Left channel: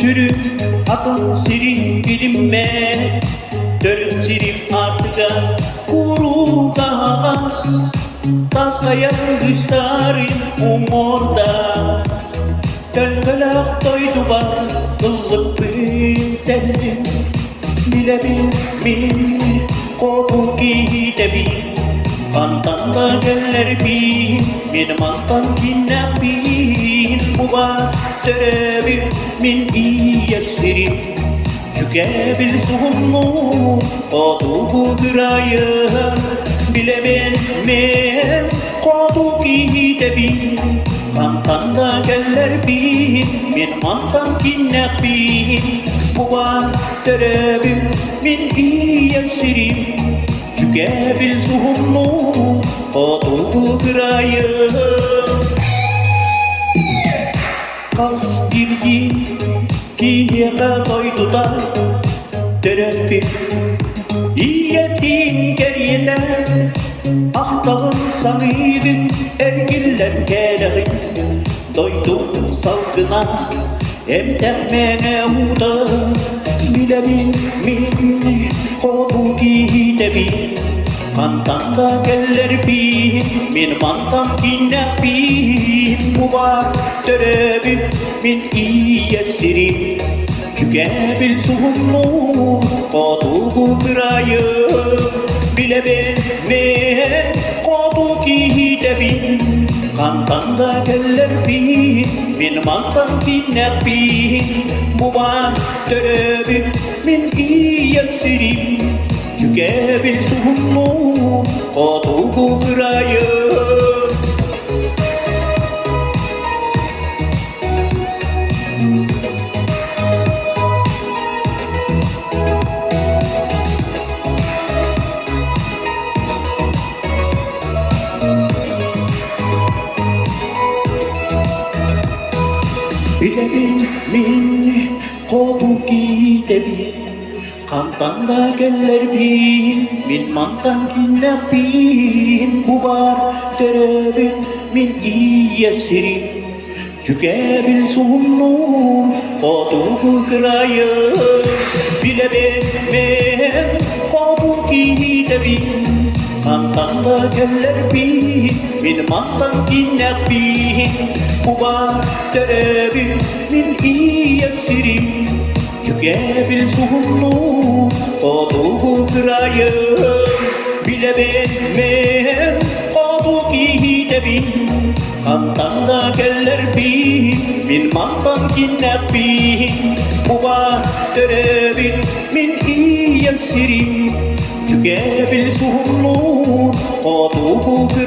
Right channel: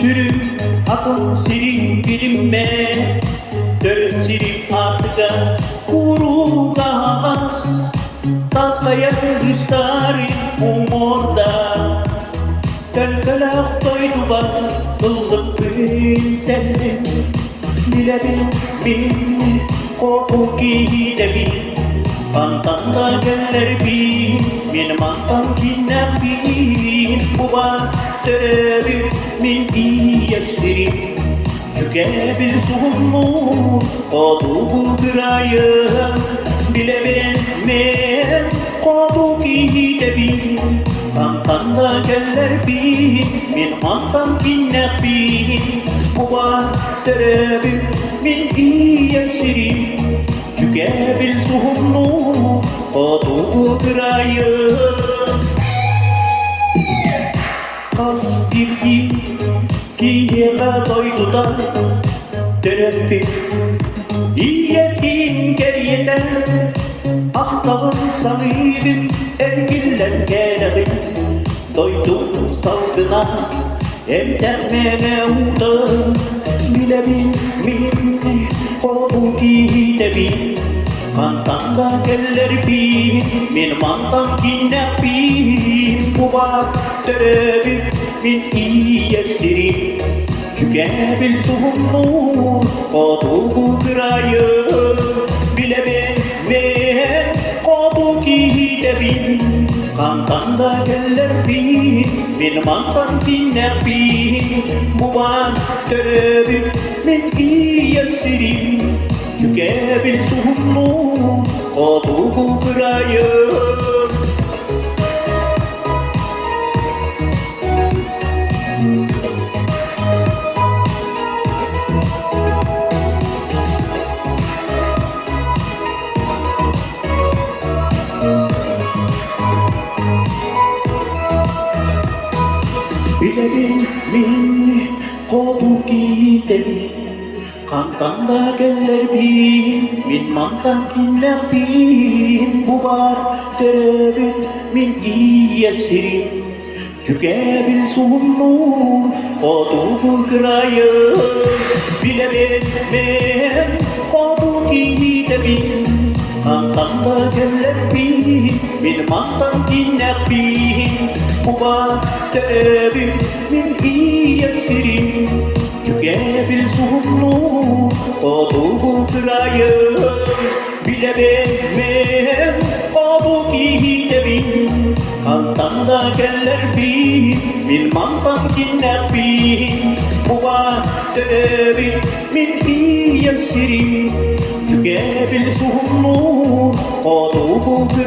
sürüm atın sirin bilinme dön sirim artığa kuru gaz tas kayak istarin umurda Kölkölök doydu bak ıllık pintenin Bilebil bin koku gidebil Pantanda geller bin Benim antam binler bin Bu bahçerebil min iyesirim Tükebil suhumu O bu gırayı Bilebil min koku gidebil Pantanda geller bin Benim antam binler bin Bu bahçerebil min iyesirim Tükebil suhumu O bu gırayı Kas girgi Kiyega doydu da Terefi İyetin geriyede Ahtağın sanıydın Ergiller gereğin Doydum salgına Emdermene uğda Bilemin min Kodu gidebil Mantanda geller bin Benim antam binler bin Bu bahçerebil min iyesirim Tükebil suhumu O bu gırayı Bilebilme O bu gidebil Mantanda geller bin Benim antam binler bin Bu bahçerebil min iyesirim Tükebil suhumu O bu gırayı Bilebil min kodu gidebil Kantanda geller bin Min mantan kinler bin Bu bahçerebil min iyesirim Tükebil suhumu O bu gırayı Bilebilme O bu gidebil Kantanda geller bin Min mantan kinler bin Bu bahçerebil min iyesirim Tükebil suhumu O bu gırayı Bilebilme O bu gidebil Kantanda geller bin Min mantan kinler bin Bu bahçerebil min iyesirim Tükebil suhumu O bu gırayı